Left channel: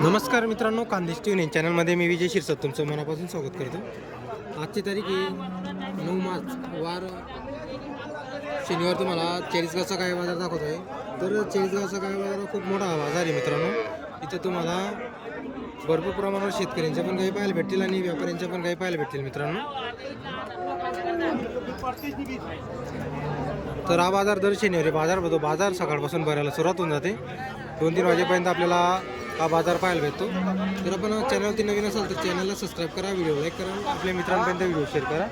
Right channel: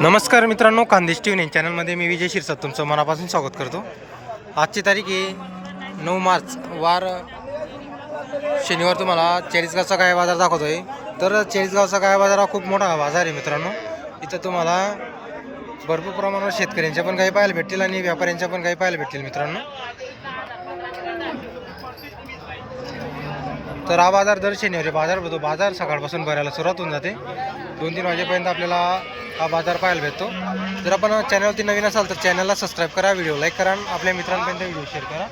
नमस्कार मित्रांनो Khandesh T V चॅनलमध्ये मी विजय शिरसाट तुमचं मनापासून स्वागत करतो. आजची तारीख आहे नऊ मार्च वार शनिवार तुम्हाला चाळीसगावचा काय बाजार दाखवतो आहे तर चाळीसगावचा काय बाजार हा खूप मोठा बाजार आहे मित्रांनो. इथं तुम्हाला भरपूर प्रमाणावर शेतकऱ्यांच्या पण काही पाहायला भेटतील आणि व्यापाऱ्यांच्या पण काही पाहायला भेटतील मित्रांनो. तर हा बाजार दर शनिवारी बाजार भरतो बाजार सकाळपासून भरायला सुरुवात होऊन जाते. दोन तीन वाजेपर्यंत आपल्याला हा बाजार पाहायला भेटतो. जर आपण चॅनलवरती नवीन असाल तर चॅनलला सबस्क्राईब करा व्हिडिओ लाईक करा आणि आपल्या मित्रांपर्यंत व्हिडिओ शेअर करा.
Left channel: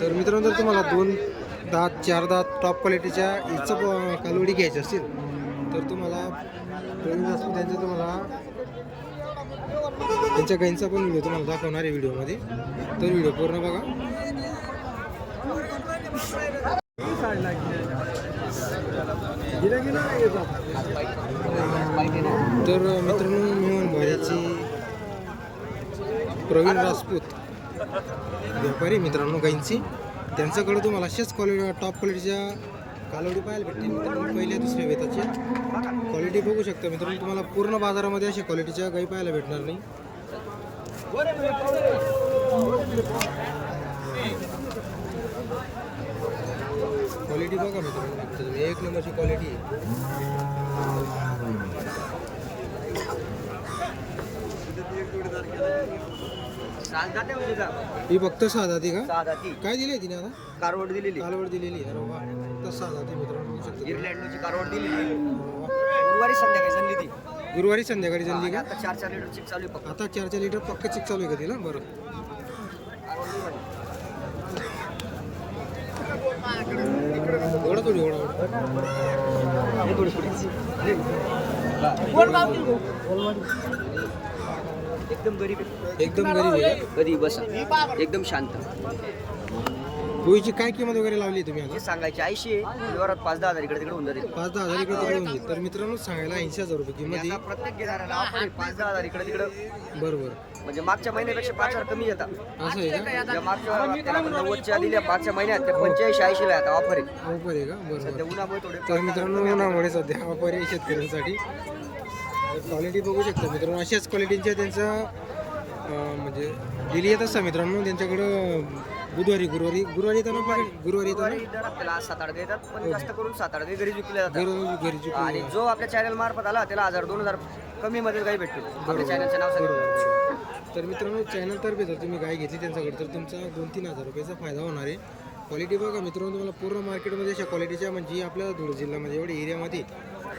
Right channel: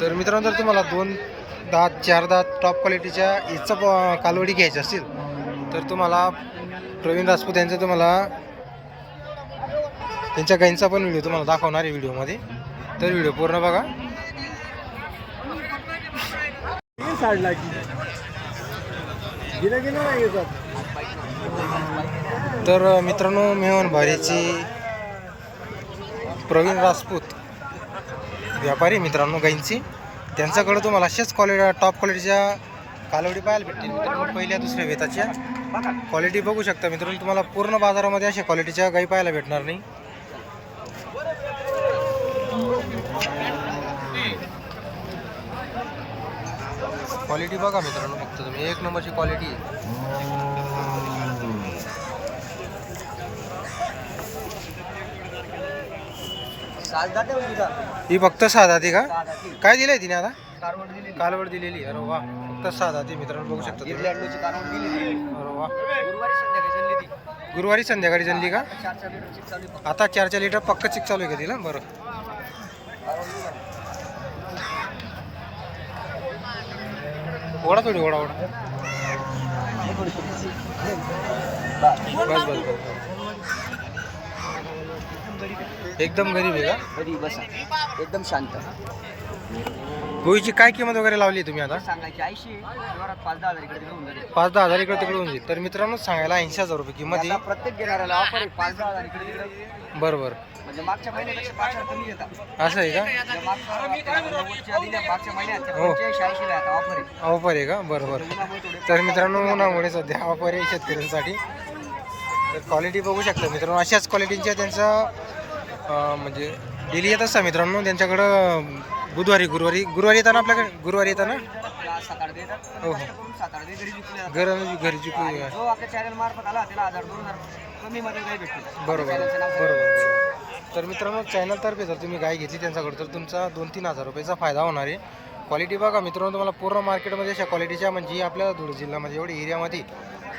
तर मित्रांनो जर तुम्हाला दोन दात चार दात टॉप क्वालिटीच्या इचं कालवडी घ्यायची असतील तर तुम्हाला प्रवीण राजपूत यांचं तुम्हाला त्यांच्या गाईंचा पण व्हिडिओ तुम्हाला दाखवणार आहे व्हिडिओमध्ये तर व्हिडिओ पूर्ण बघा. तर मित्रांनो मेहन भारीची प्रवीण राजपूत व्यापारी मित्रांनो गाईंची. त्यांच्याकडं तुम्हाला अशाच क्वालिटी टॉप क्वालिटीच्या कालवडी पाहायला भेटतील. मित्रांनो पहिल्या दुसऱ्या वेताच्या क्वालिटी बघू शकता मित्रांनो तुम्हाला पूर्ण बाजारामध्ये अशा क्वालिटीच्या गाई पाहायला भेटणार नाही. क्वालिटी बघा मित्रांनो फक्त तुम्ही एक नंबरची क्वालिटी ही फक्त साधा ती का? काय दिलंय तिने आता? कारवड दिलेली. कालवड दिलेली. अरे वा फक्त साधा ती मित्रांनो बघू शकता तुम्ही. कारवड दिलेली. अरे वा. गुरुवारी संध्याकाळी झाली ती. गुरुवारी संध्याकाळी जनली का? आता चार चार लिटरची चालू आहे फक्त. आता चार चार लिटर पक्क चिक चालू आहे का तिला? बरं. कारवड नाही म्हणे. ओढा थोडी ओढा ओढा थोडी. बस. एकदम गरीब आहे एकदम गरीब आहे का कधी बसा एकदम शांत गोळीची काय किंमत वगैरे लावली तुम्ही आता? सांगायची ऐंशी व्यवहारात पाच दहा हजार इकडे तिकडे होऊन जाते पाच दहा हजार इकडे तिकडे होऊन जाईल. तर मित्रांनो सांगायला ऐंशी हजार रुपये किंमत आता आहे प्रत्येक घेणाऱ्याला ऑफर आहे पाच दहा हजार इकडे तिकडे. बरं बरं म्हणजे मागच्या महिन्यापेक्षा पाच हजार कमी घेतात असं आहे का? ज्या मागच्या नव्वदच्या दिल्या मागच्या महिन्यात त्या हो. पंच्याऐंशी ऐंशीला आता ऑफर आहे. ऑफर आहे का? बरं बरं त्या उन्हामुळे थोडे तर मित्रांनो उन्हामुळे सध्या ऑफर आहे शेतकऱ्यांसाठी. तर क्वालिटी बघू शकता मित्रांनो अशाच क्वालिटीच्या त्यांचं अं, म्हणजे डेली येत असता मित्रांनो त्यांच्याकडं बुधवारी गुरुवारी. गुरुवारी येताना आपल्याकडे? गुरुवारी येताना? आपल्याला सात आठ देतात पण हो. जास्त करून सात आठ दे घरी विकले जातात. घर घरी आणि जो आपल्या चॅनल मार्फत आला त्याला हजार दोन हजार कमी मध्ये काही भेटतो बरोबर चॅनलचं नाव बरोबर बरोबर. तर मित्रांनो चॅनलतर्फे जर तुम्ही गाय घेतली त्यांच्याकडे तर तुमचा दोन तीन हजार रुपयाचा फायदा होणार आहे. क्वालिटी बघा मित्रांनो तुम्हाला पूर्ण मार्केटमध्ये अशा क्वालिटीच्या म्हणजे आपल्या धुळे जिल्ह्यामध्ये एवढ्या एरियामध्ये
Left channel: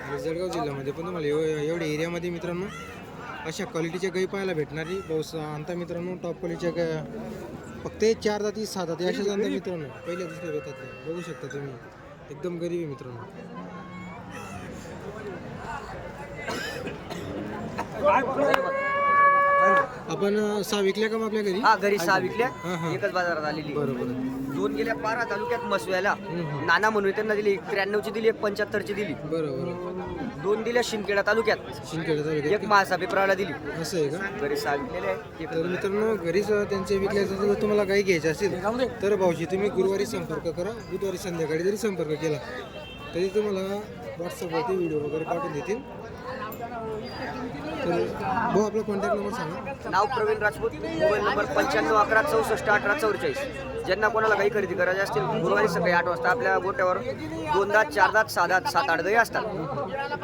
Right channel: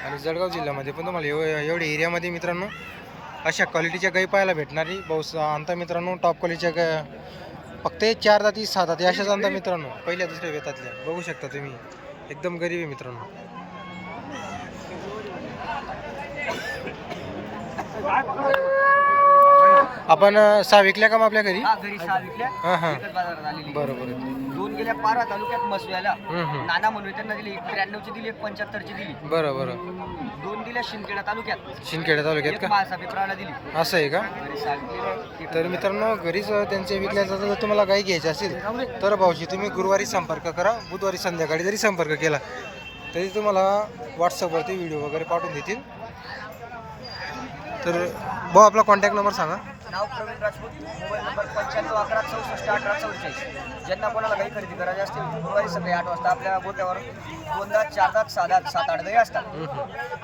आणि जळगाव जिल्ह्यामध्ये पण तुम्हाला एव एवढ्या एरियामध्ये मित्रांनो अशा क्वालिटीच्या गाई पाहायला भेटणारी बहुत आणता मित्रांनो टॉप क्वालिटीच्या गाय फक्त हे चार जाती सहा जाती अशा जाणता मित्रांनो. पहिल्या दुसऱ्या वेतातल्या बघू शकता तुम्ही. एकदम गरीब आहे मित्रांनो. आपण अं, सहा विकल्या का मग आपल्या घरी? हा घरी सहा विकल्या. हां हां. एकच बाजारात आलेली. बरं बरं दोन गेल्या पारा तालुक्यात मसव्याला हम्म, हम्म. नाना म्हणून त्यांना दिली एक त्र्याण्णवची दिली एक पंच्याहत्तरची दिली. बरं बरं. दोन दिल्या शिंदखेडा तालुक्यात. शिंदखेडा तालुक्यात एक का? दिली. असं आहे का? घरी सहा विकलेल्या आहेत. एक तर मित्रांनो घरीच त्यांचे विकल्याचा जर तुम्हाला गाई घ्यायची असेल तर भाऊजी तुम्ही गुरुवारी संपर्क करा. बुधवारी संध्याकाळी जरी संपर्क केला तरी तुम्हाला व्हॉट्सअपवरती व्हिडिओ वगैरे पाठवून देतील. तर भाऊ आपला कॉन्टॅक्ट नंबर सांगा. नाव प्रवीण राजपूत मोबाईल नंबर पंच्याण्णव अकरा चौसष्ट अठरा चौवेचाळीस. ज्यांना कोणाला गाई खरेदी करायची असतील गुरुवारी सकाळी आठ वाजता आपल्या गोट्यावर दोन दात चार दात सहा दात सात आठ दही असतात.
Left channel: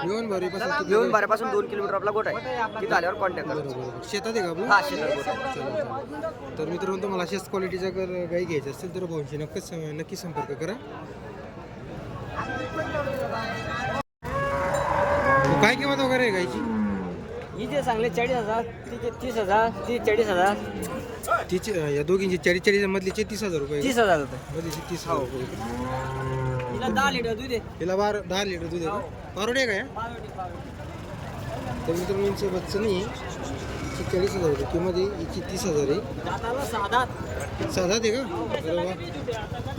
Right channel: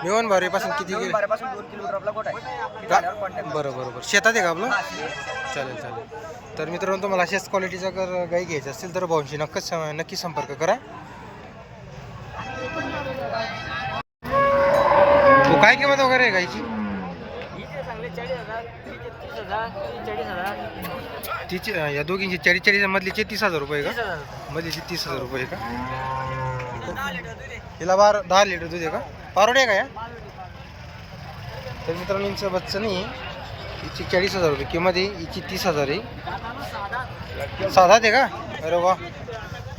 मिळून भारीपासून किती देऊन बारापासून दोन किलोमीटर आपला गोटा आहे. तिथे आल्यावर कॉन्टॅक्ट बरं बरं बरं शेतात आहे का आपलं? हा शेतात गोठा आहे. चालेल चालेल. तर मित्रांनो तुम्हाला अशाच क्वालिटीचा जर गाई घ्यायची असेल तर भाऊंशी नक्कीच नक्की संपर्क करा. हो काय किंमत वगैरे आहे गाईची? चाळीस हजार तीस हजार ती चाळीस हजार. तिची या दोघींची चाळीस चाळीस मधलीचे तीस हजार रुपये हजार मधलीची तीस हजार रुपये का? दहा लिटर दूध आहे. हिला बार दहा लिटर दूध आहे का? पारोडे आहे का या? तर मित्रांनो यांचं बच्चं नाही हिची चाळीस हजार रुपये किंमत आहे हिची तीस हजार आहे. साधा. आहे का? अरे वा.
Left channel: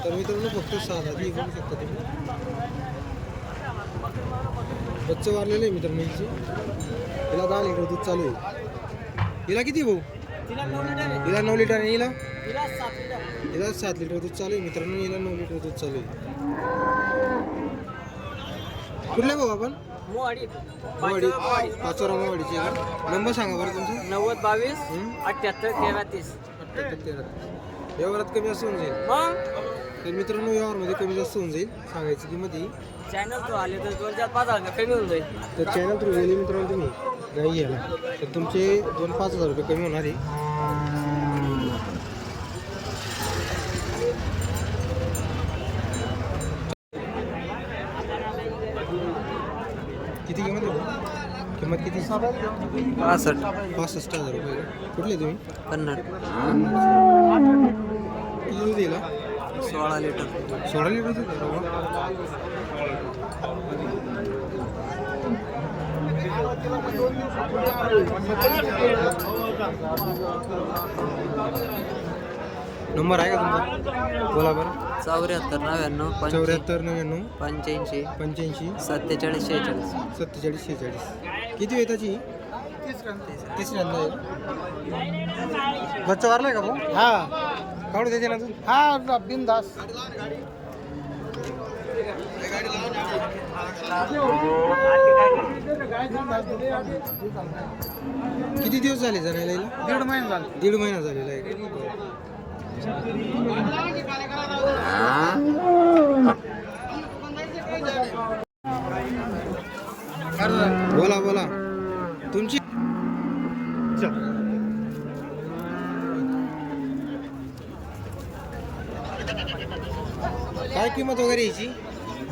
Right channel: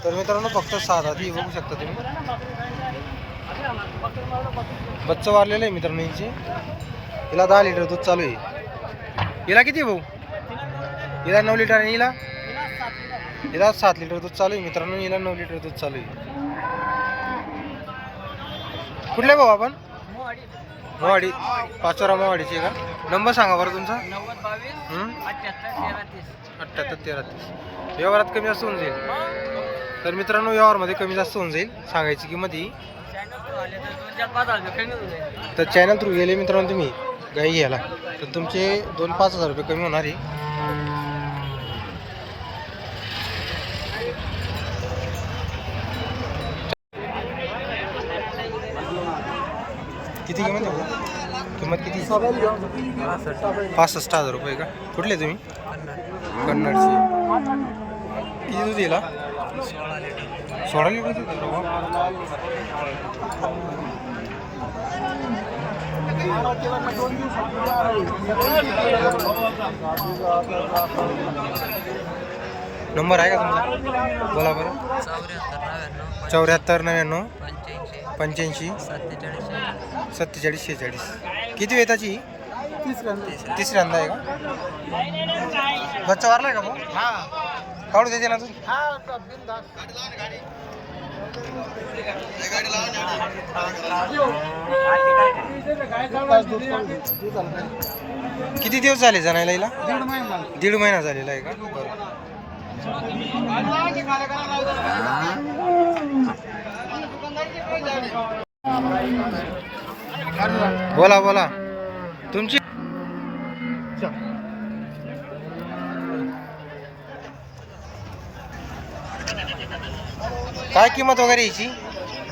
तर मित्रांनो फक्त साधा ती बघू शकता तुम्ही. बच्चं वारलेलं आहे मित्रांनो हिची. हिला दहा लिटर दूध चालू आहे. हिला किती भाऊ? हिला नऊ लिटर आणि हिला? हिला सात लिटर दूध चालू आहे. मित्रांनो हिला नऊ लिटर दूध चालू आहे. कुठल्या भाऊ आपण? मोवाडी पाचोरा मोवाडीची का? नंबर सांगा बरं तुमचा. नव्वद बावीस? अठ्याहत्तर तेरा तीस अठ्ठ्याहत्तर तेरा तीस व्यवहारात कमी जास्त होऊन जाईल. तर मित्रांनो व्यवहारमध्ये कमी जास्त होऊन जाईल. सांगायची किंमत ही. तर चॅनल थ्रू गेले मित्रांनो तुम्ही. गाई घ्यायला. तर तुमचे दोन पाच हजार रुपये कमी होणार आहे. किती किंमत आहे? किंमत किती? पासष्ट. हजार रुपये का? कुठले तुम्ही? कन्नड. कन्नडचे. किती दूध दिला सोळा लिटर. सोळा लिटर दूध नंबर आहे का तुमचा? बोला बरं. चौऱ्याहत्तर नव्याण्णव चौऱ्याहत्तर नव्याण्णव. पंच्याऐंशी. पंच्याऐंशी. सत्तेचाळीस शेहेचाळीस. सत्तेचाळीस शेहेचाळीस. किती वेताची? तिसऱ्यांदा आहे का? बच्चा वारलाय का भाऊ? हा. काढू देते ना तू? हा बिंदास. किती दिवस झाले जाणायला हिला? दीड महिना झाला. दीड महिना झालेला आहे का? बरं. बोला बोला. तुमची काय किंमत वगैरे याची?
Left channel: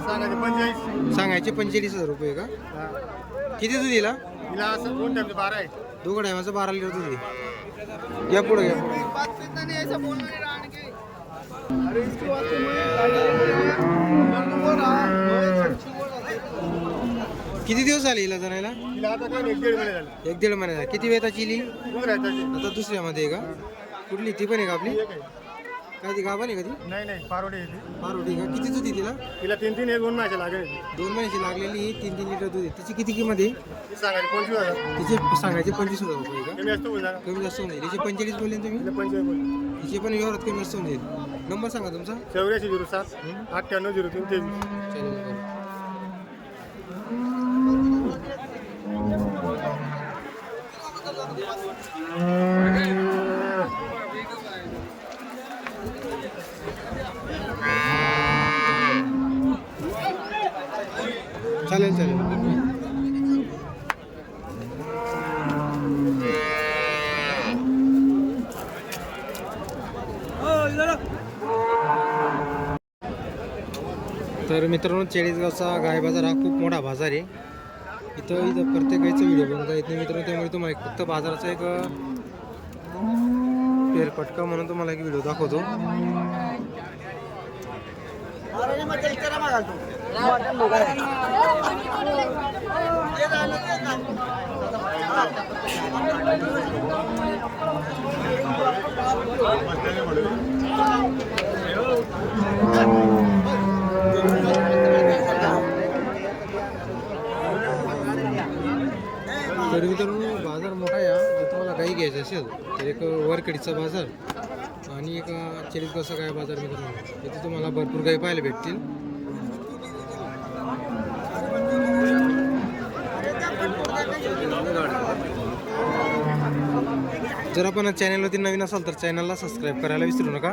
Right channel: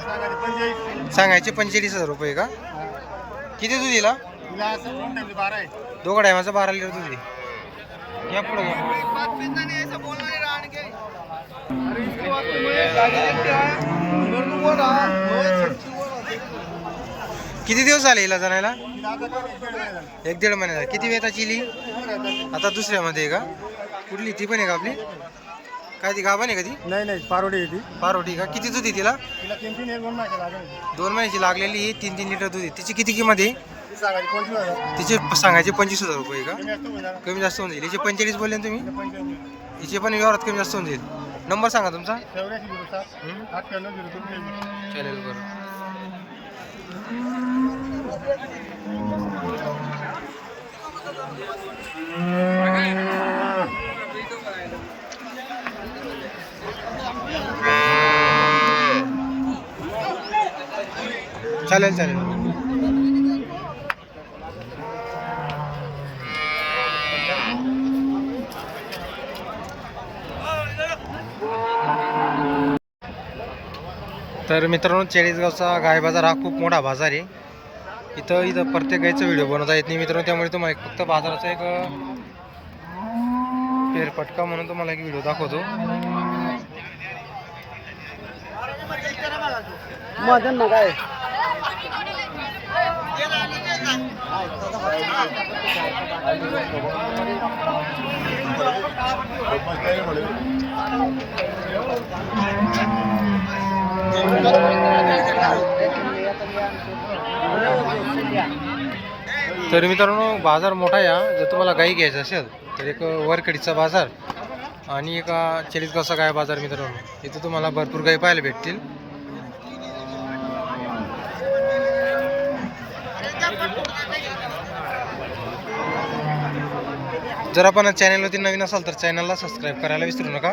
सांगायचे पंचेचाळीस हजार रुपये का? किती दूध दिला? तिला असं दोन टाइम बारा आहे दोघं टायमाचा बारा लिटर दूध आहे. या पुढे या पुढे. किती दिवस झाले हिला जाण्याला तिला आता काय एक दीड महिने झाले. एक दीड महिना झाला किती वेळ दूर आहे त्याची. आता दुसऱ्यामध्ये आहे का? कुठली? ती पण आहे का आपली? काय ती आहे का ती? नाही नाही पारोडी आहे ती. पारोटी का? किती दूध आहे तिला? तिला तीन तीन एक दोन महिन्याच्या लागेल दोन महिन्याची लागलेली ही तीन तीन लिटर दूध आहे. तिची किती किंमत आहे? ती सांगायची पंचवीस हजार. तिचे सांगायचे पंचवीस हजार रुपये का? कमी असतो कमी जास्त होऊन जाईल. हिचे पंचेचाळीस बोलले ना तुम्ही? पंचवीस हिचे पण व्यवहारात कमी जास्त होऊन जाईल. नंबर सांगा तुमचा. चौऱ्याऐंशी झिरो सात? अठ्ठ्याण्णव झिरो दोन तेवीस. चालेल बरं. चालेल चालेल. तर मित्रांनो चाळीसगावचा गाय बाजार हा खूप मोठा बाजार आहे. इथं इथं प्रत्येक गायचा व्हिडिओ बनवता येत नाही. मित्रांनो त्यामुळे तुम्हाला एक फक्त बाजाराचा एक अं, फेरफटका म्हणून तुम्हाला एक व्हिडिओ दाखवतो. तर मित्रांनो बाजार मोठा आहे जर तुम्हाला गाई घ्यायचं असेल तर एक वरकडीचा बाजार आणि एक चाळीसगावचा गाय बाजार मित्रांनो. इथे तुम्हाला भरपूर गाई पाहायला भेटतील. जर आपण चॅनलवरती नवीन असाल तर चॅनलला सबस्क्राईब करायला विसरू नका.